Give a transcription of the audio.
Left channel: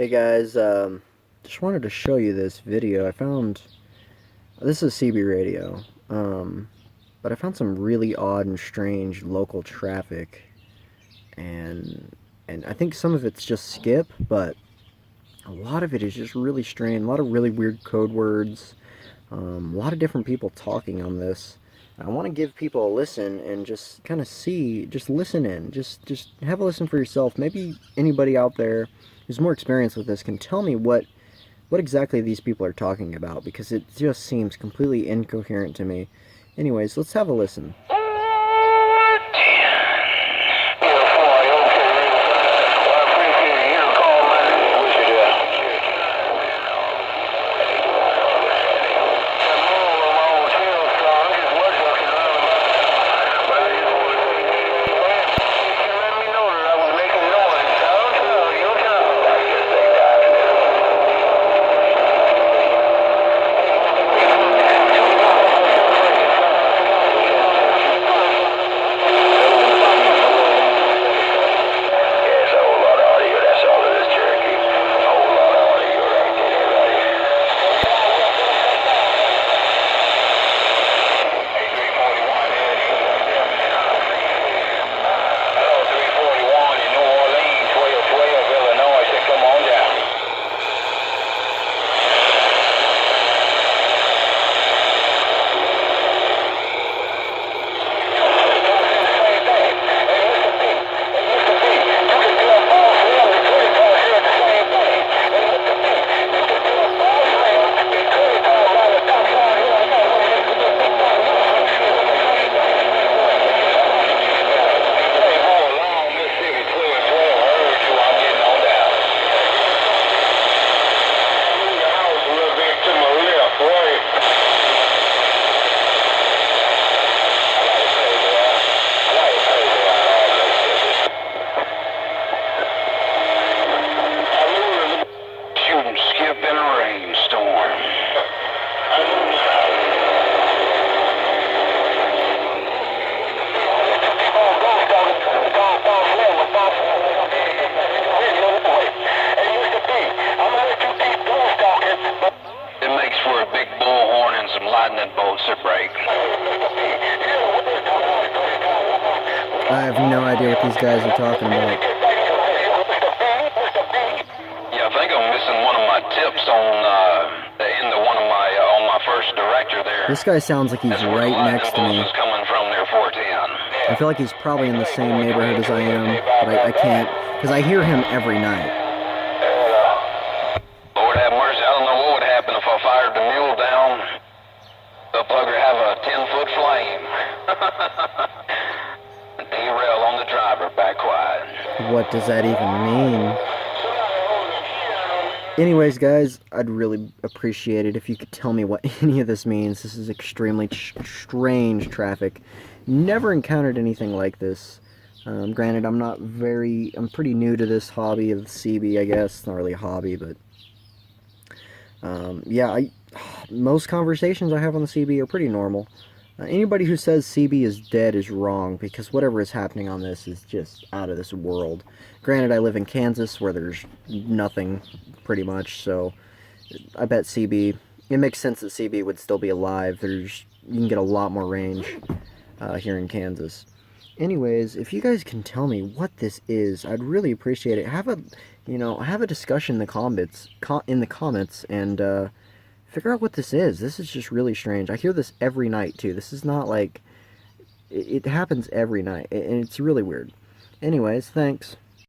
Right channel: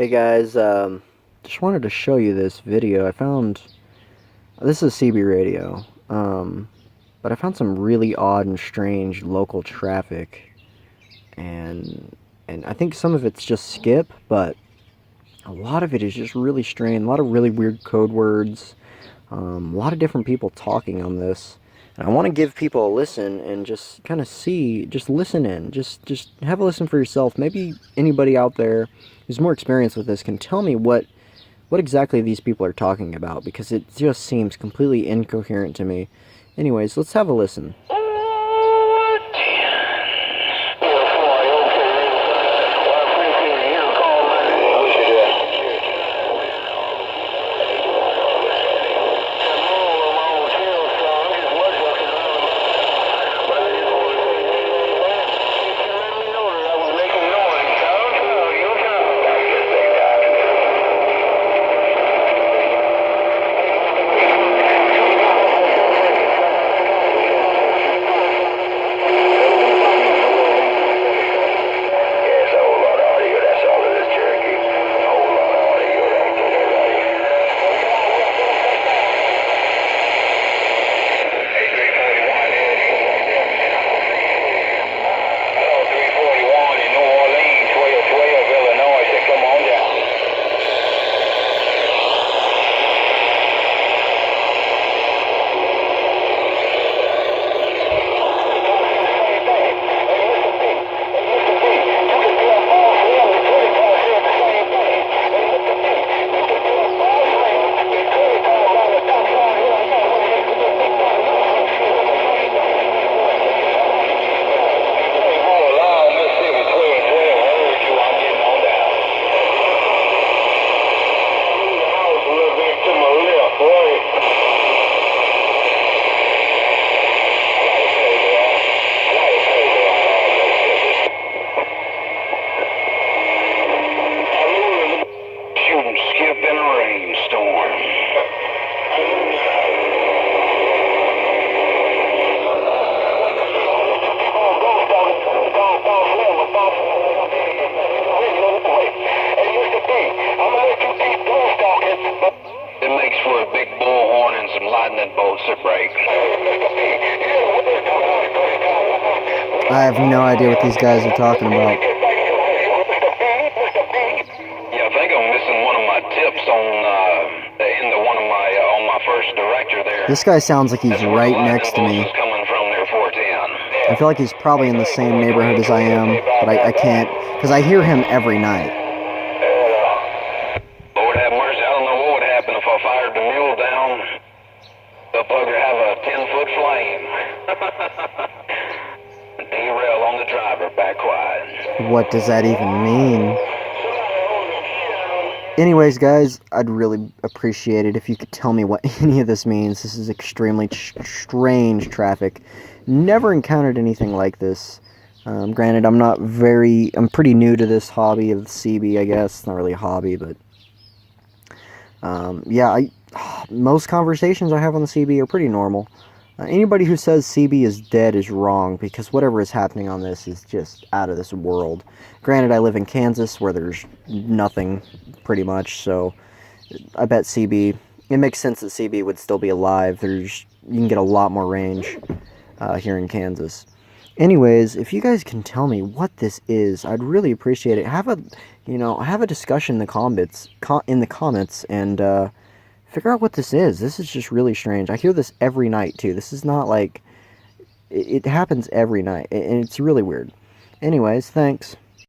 Hey guys, just wanted to show you this video. This is CB radio, but I found some really odd and strange local traffic, and I think some of it's just skip, but a lot of it is just really strange. A lot of really weird code words, a lot of different people talking on this. And I want to give people a listen and just kind of see, just listen in, just have a listen for yourself. Maybe anybody out there who's more experienced with this can tell me what exactly these people are talking about, because it just seems completely incoherent to me. Anyways, let's have a listen. Skip in a rainstorm. It makes for a big bullhorn and some lightning bolts that break. I have no idea what these guys are talking about. Yeah, I think I'm missing one of my tips on my first director there. This guy sounds like he's right next to me. Coming from their 410. I feel like he's probably in the same neighborhood as I am, but I can't, because I hear him every night. Lord have mercy, I don't know what would happen if I fired the mule down. The bugger have a 10-foot flame. Derail on the driver, back quiet. What does that even mean? Anyways, guys, I'd really appreciate it if you could tell me what any of this means. This is extremely strange traffic. Never encountered anything like this. Granted, I'm pretty new to this hobby of CB, I guess. It's not really a hobby, but yeah, most conversations I have on the CB are pretty normal. Anybody who says CB is dead is wrong, because whatever is happening on this is just out of this world. Granted, I live in Kansas, where there's nothing, pretty much, so I bet CB, it makes sense that CB would still be alive. You can get a lot more range here in Kansas. Anyways, if you guys can tell me what this is, I'd really appreciate it. Have a discussion in the comments, and figure out what this is. This is just really strange. I hear this every night, too. This is not like... It happens every night, and it's really weird. Anyways, thanks.